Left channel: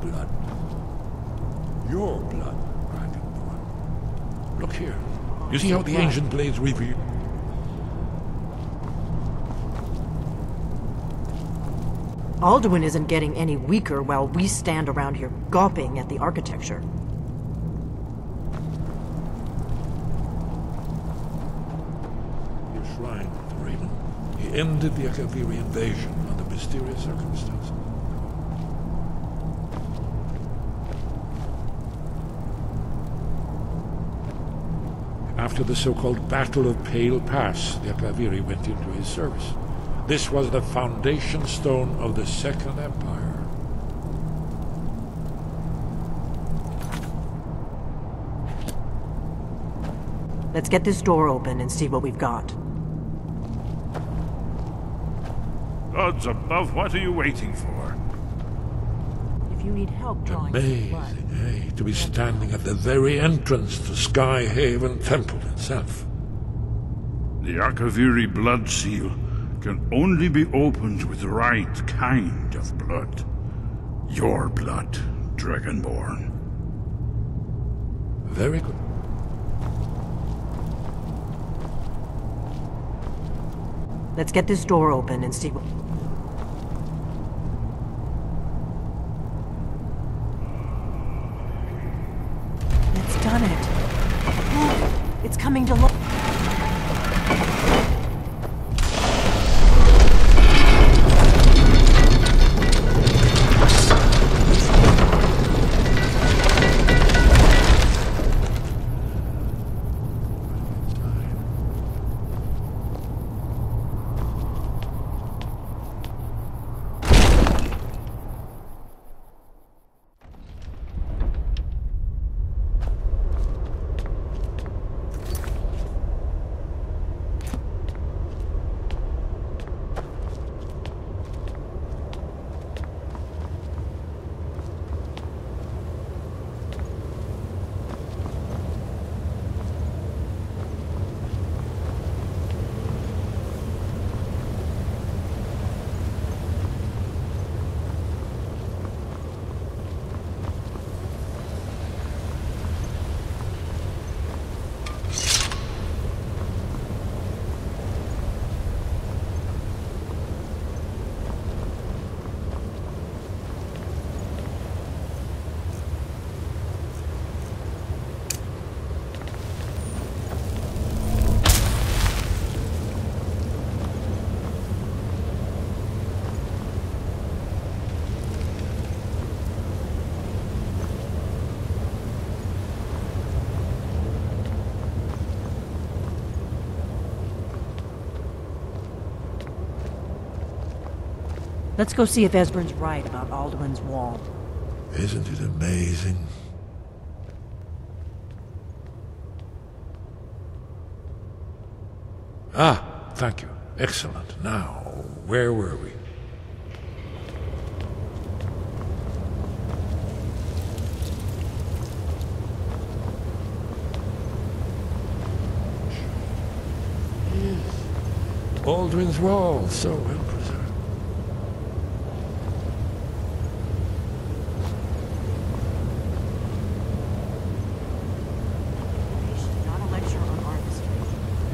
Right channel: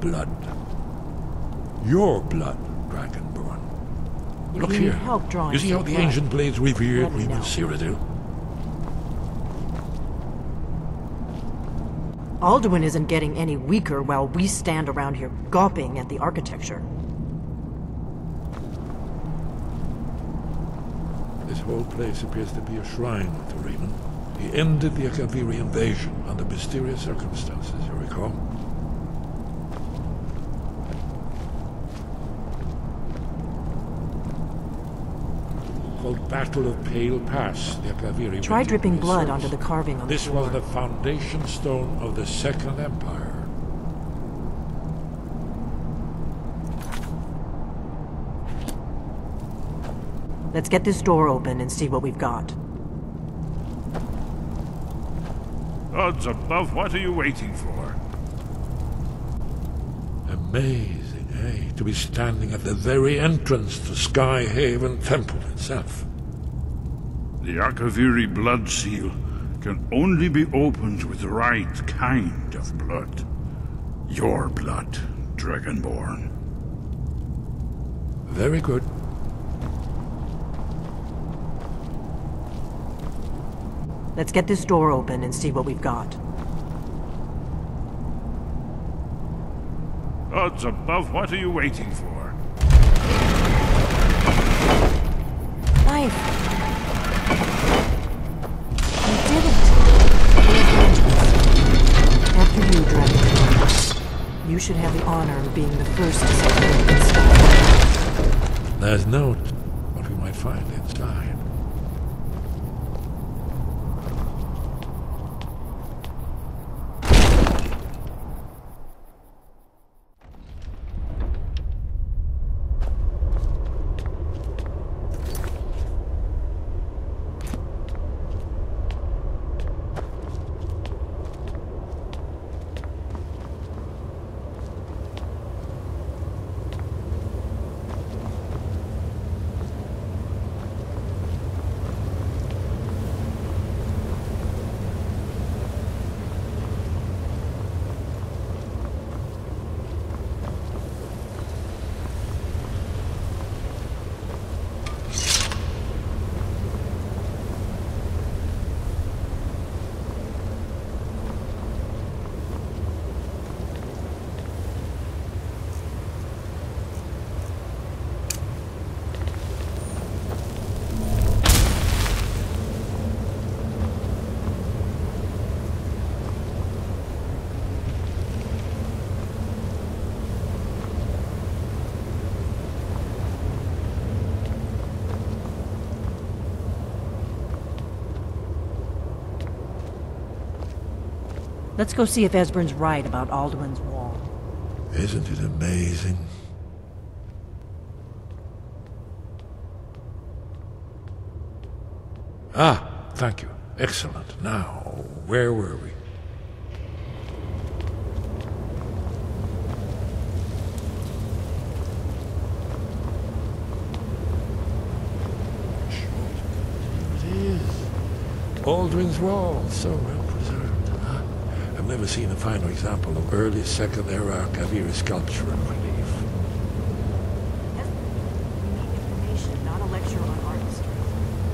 blood. Your blood, Dragonborn. Look here. You see how the ancient blades revered me with Cyrodiil? Alduin isn't getting any weaker while we stand around here gawping at the architecture. This whole place appears to be a shrine to Raymond. He ended the Akaviri invasion under mysterious circumstances, you recall? After the so-called Battle of Pale Pass, the Akaviri Try went dripping into his blood service. onto the carving on This the was the foundation stone of the Second Empire. Let's get this door open and see what we've got. Gods above, what are you waiting for? If you need help, Amazing, eh? To be standing at the very entrance to Sky Haven Temple itself. The Akaviri blood seal can only be opened with the right kind of blood. Your blood, Dragonborn. Very good. Let's get this door open and see what we've got. Gods above, what are you waiting for? It's coming to life. You should have honor being the first. There's note. What we might find inside. Let's go see if Esbern's right about Alduin's wall. Isn't it amazing? Ah, thank you. Excellent. Now, where were we? It is. Alduin's Wall, so well preserved. I've never seen a finer example of early Second Era Akaviri sculpture in my life. Information, not a lecture on art history.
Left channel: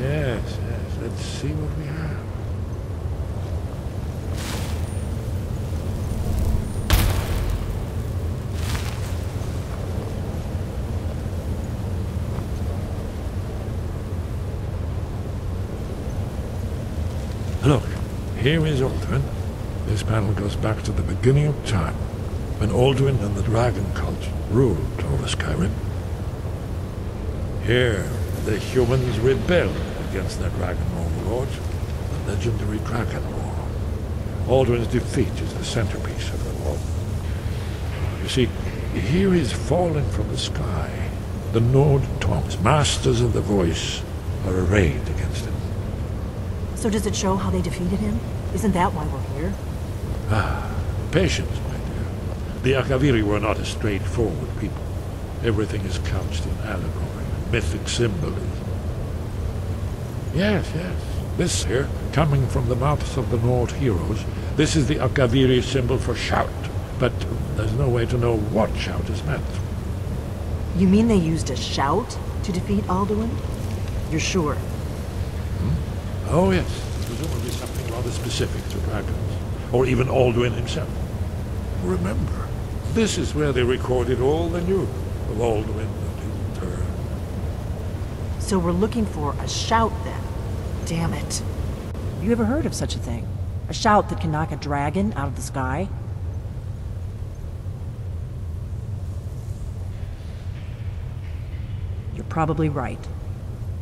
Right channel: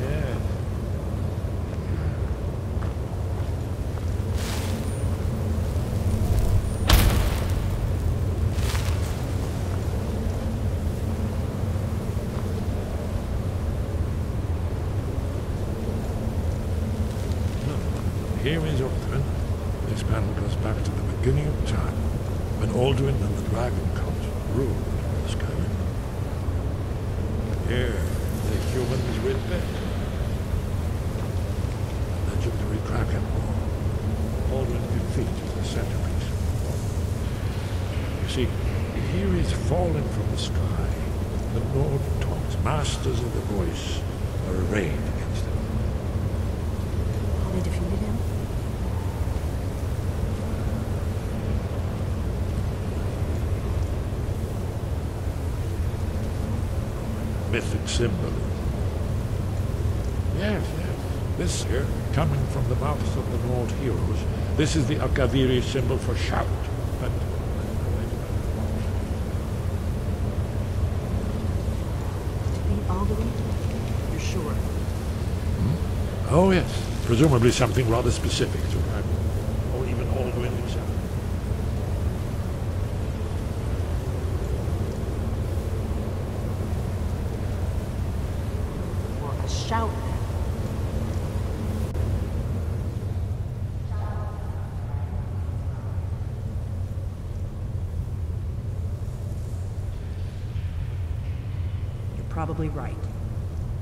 Yes, yes. Let's see what we have. Look, here is Alduin. This panel goes back to the beginning of time, when Alduin and the dragon cult ruled over Skyrim. Here, the humans rebelled against their dragon overlord, the legendary Dragon War. Alduin's defeat is the centerpiece of the war. You see, here is fallen from the sky. The Nord tongues, masters of the voice, are arrayed against him. So does it show how they defeated him? Isn't that why we're here? Ah, patience. The Akaviri were not a straightforward people. Everything is couched in allegory and mythic symbolism. Yes, yes. This here, coming from the mouths of the Nord heroes, this is the Akaviri symbol for shout. But There's no way to know what shout is meant. You mean they used a shout to defeat Alduin? You're sure? Oh yes, presumably something rather specific to dragons, or even Alduin himself. Remember, this is where they recorded all the news of Alduin and his return. So we're looking for a shout then. Damn it. You ever heard of such a thing? A shout that can knock a dragon out of the sky? You're probably right.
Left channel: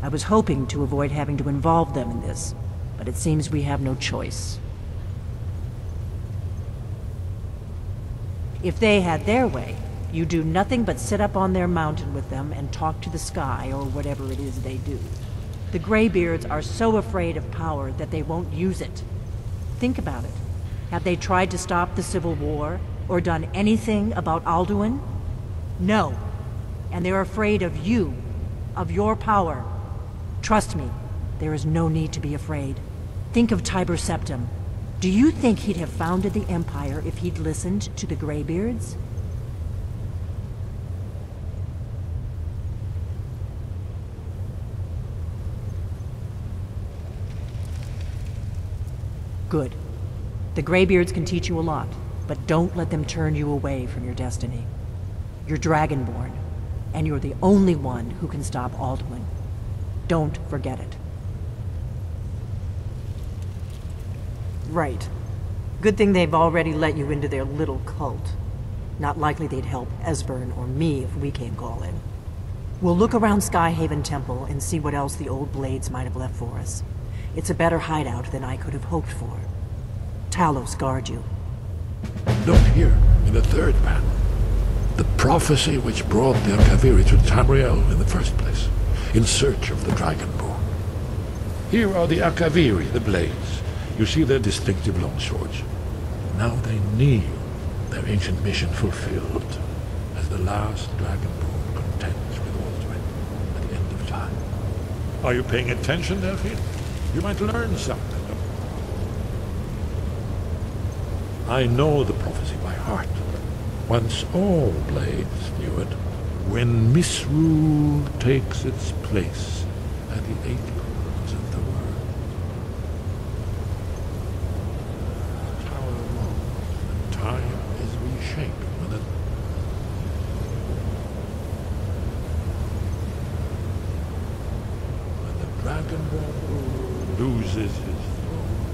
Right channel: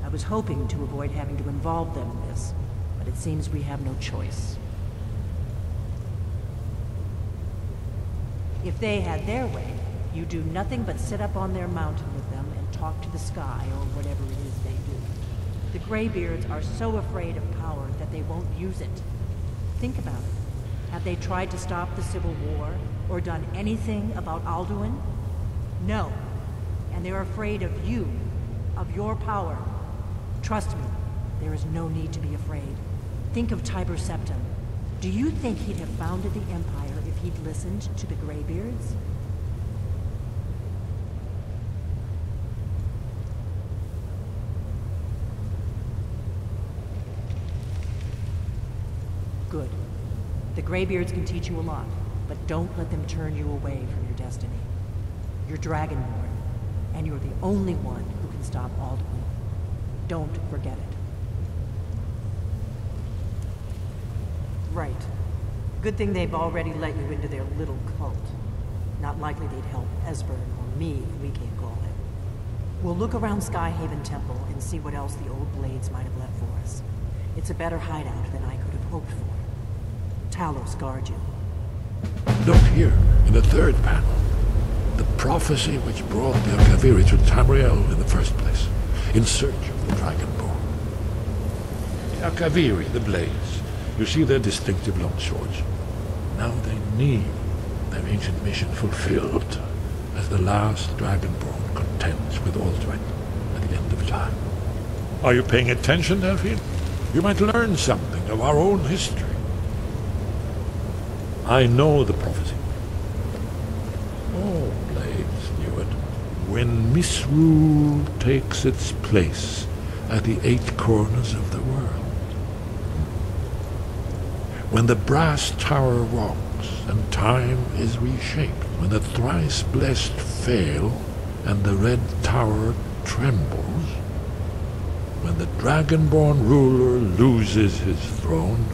I was hoping to avoid having to involve them in this, but it seems we have no choice. If they had their way, you do nothing but sit up on their mountain with them and talk to the sky or whatever it is they do. The Greybeards are so afraid of power that they won't use it. Think about it. Have they tried to stop the Civil War or done anything about Alduin? No. And they're afraid of you, of your power. Trust me, there is no need to be afraid. Think of Tiber Septim. Do you think he'd have founded the Empire if he'd listened to the Greybeards? Good. The Greybeards can teach you a lot, but don't let them turn you away from your destiny. You're Dragonborn, and you're the only one who can stop Alduin. Don't forget it. Right. Good thing they've already let you into their little cult. Not likely they'd help Esbern or me if we came calling. We'll look around Skyhaven Temple and see what else the old blades might have left for us. It's a better hideout than I could have hoped for. Talos guard you. Look here, in the third panel. The prophecy which brought the Akaviri to Tamriel in the first place, in search of the Dragonborn. Here are the Akaviri, the blades. You see their distinctive longswords. Now they kneel, their ancient mission fulfilled, as the last Dragonborn contends with Alduin at the end of time. Are you paying attention, Delphine? You might learn something of our own history. I know the prophecy by heart. Once all blades knew it. When misrule takes its place at the 8 corners of the world. When the brass tower rocks and time is reshaped. When the thrice blessed fail and the red tower trembles. When the Dragonborn ruler loses his throne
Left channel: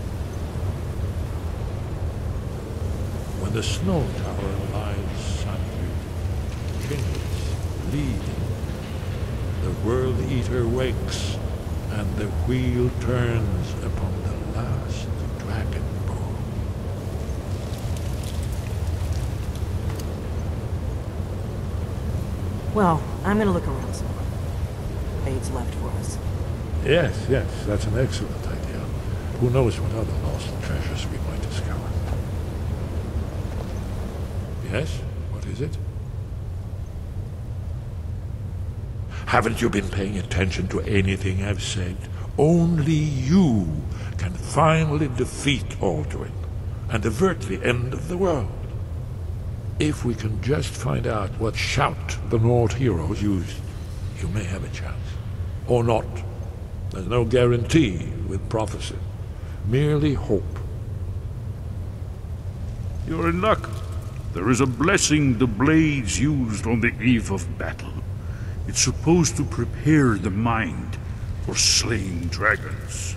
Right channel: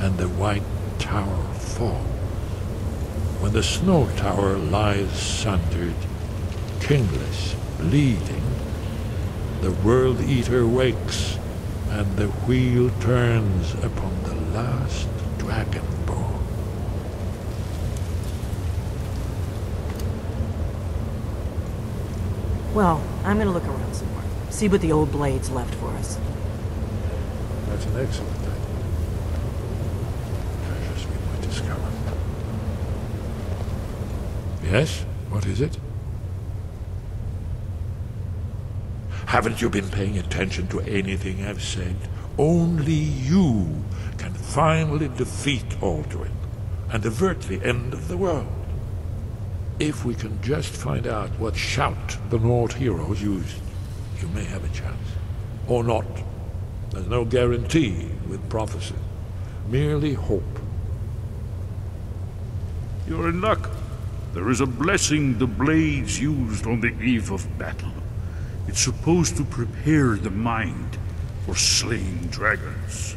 and the white tower falls. When the snow tower lies sundered, kingless, bleeding, the World Eater wakes and the wheel turns upon the last Dragonborn. Well, I'm gonna look around some more. See what the old blades left for us. Yes, that's an excellent idea. Who knows what other lost treasures we might discover. Yes? What is it? Haven't you been paying attention to anything I've said? Only you can finally defeat Alduin and avert the end of the world. If we can just find out what shout the Nord heroes used, you may have a chance. Or not. There's no guarantee with prophecy. Merely hope. You're in luck. There is a blessing the blades used on the eve of battle. It's supposed to prepare the mind for slaying dragons.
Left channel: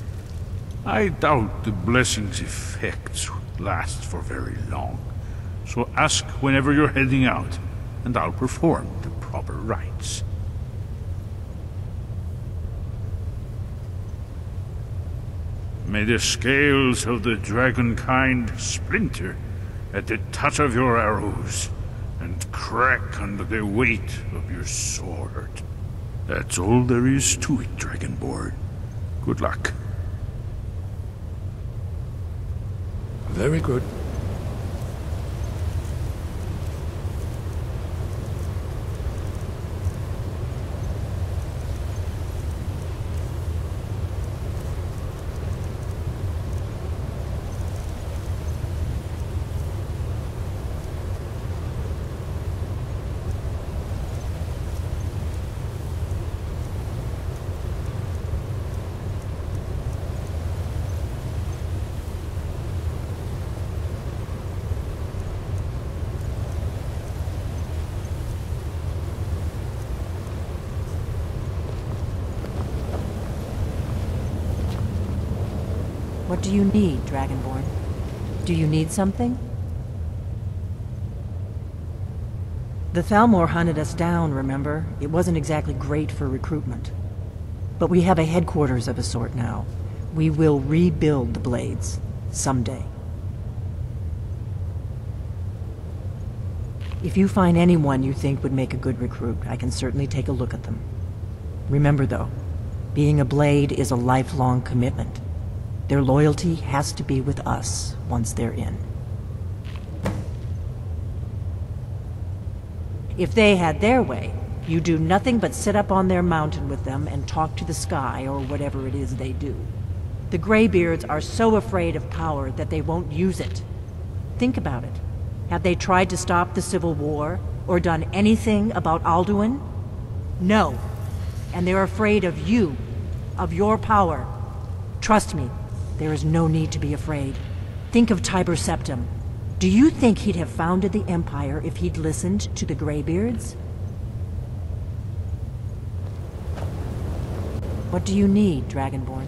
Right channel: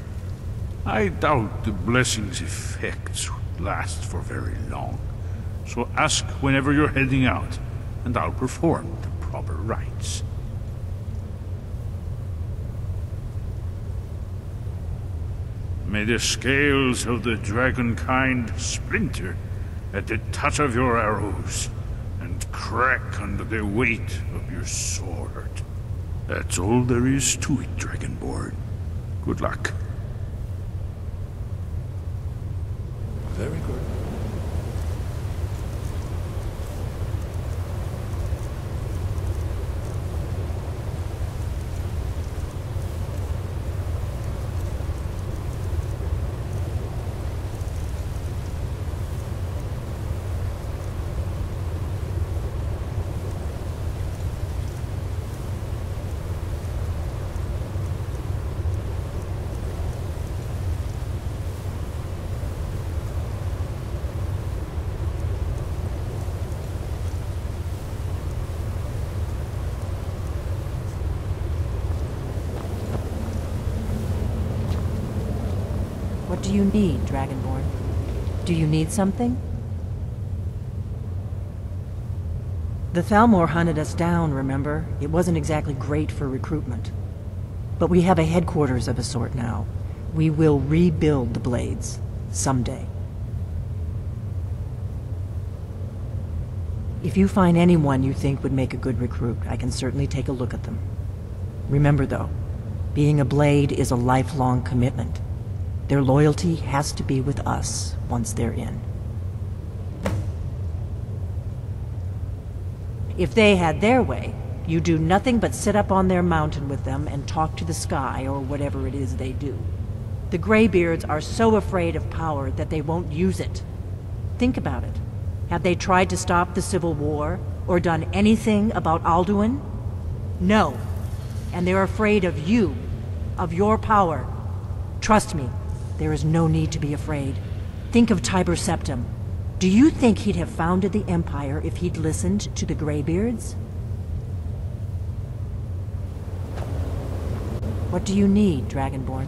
I doubt the blessing's effects last for very long. So ask whenever you're heading out, and I'll perform the proper rites. May the scales of the dragonkind splinter at the touch of your arrows, and crack under the weight of your sword. That's all there is to it, Dragonborn. Good luck. Very good. What do you need, Dragonborn? Do you need something? The Thalmor hunted us down, remember? It wasn't exactly great for recruitment. But we have a headquarters of a sort now. We will rebuild the Blades. Someday. If you find anyone you think would make a good recruit, I can certainly take a look at them. Remember, though, being a Blade is a lifelong commitment. Their loyalty has to be with us once they're in. If they had their way, you do nothing but sit up on their mountain with them and talk to the sky or whatever it is they do. The Greybeards are so afraid of power that they won't use it. Think about it. Have they tried to stop the Civil War or done anything about Alduin? No. And they're afraid of you, of your power. Trust me, there is no need to be afraid. Think of Tiber Septim. Do you think he'd have founded the Empire if he'd listened to the Greybeards? What do you need, Dragonborn?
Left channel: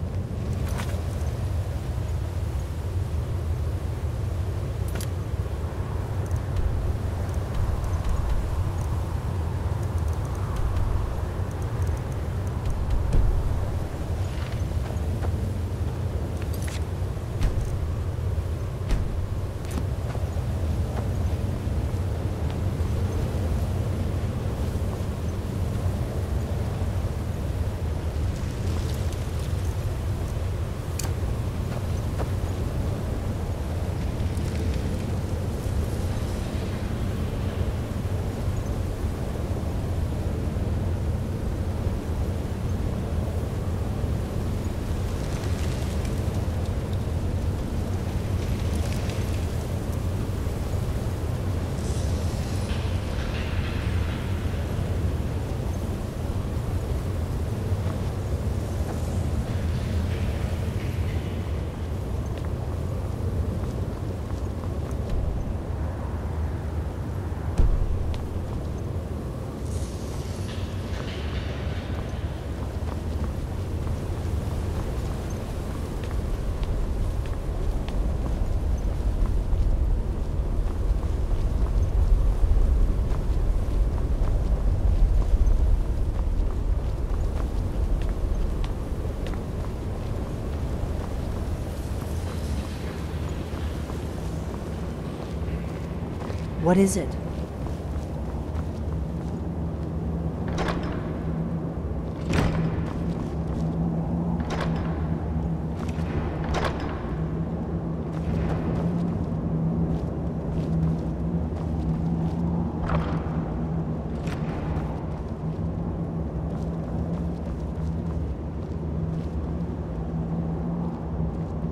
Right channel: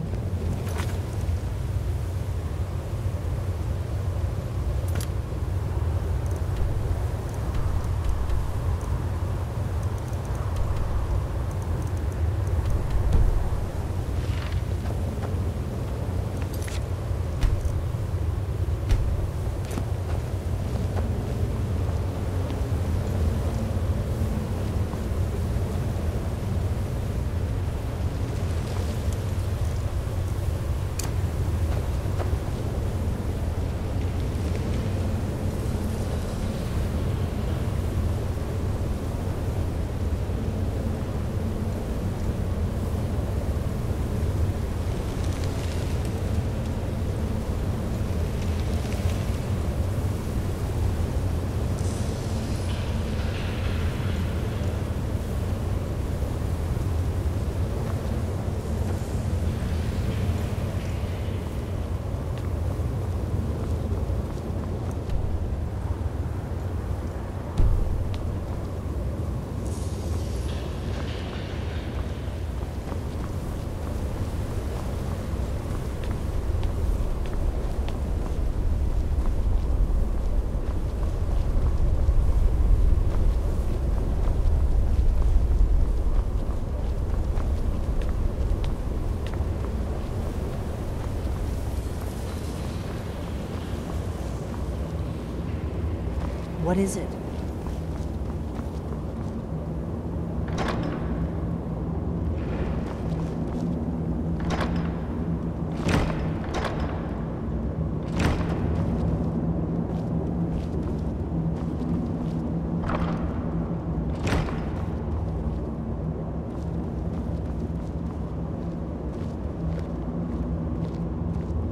What is it?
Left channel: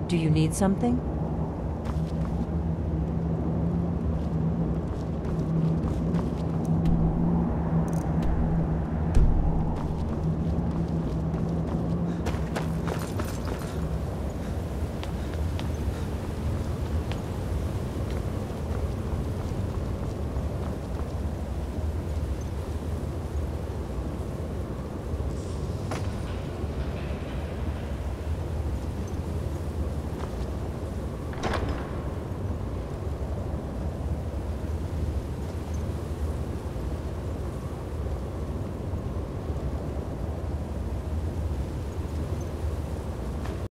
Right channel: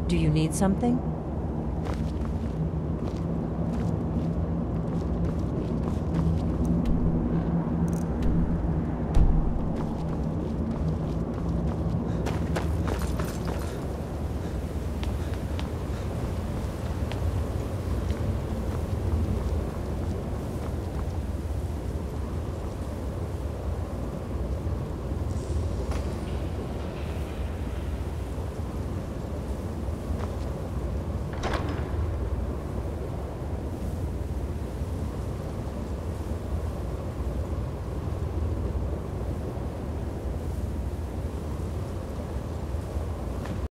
Do you need something?